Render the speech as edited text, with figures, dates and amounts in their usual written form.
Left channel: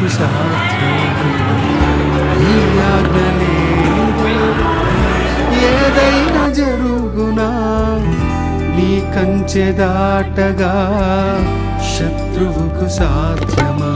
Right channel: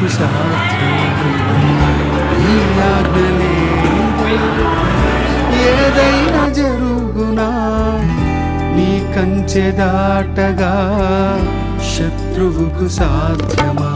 నీకు సాధ్యం. ఈ ఆజ్ఞలేనిదే ఏదైనా జరుగునా, నీ కంచె దాటగా శత్రువుకు సాధ్యమా?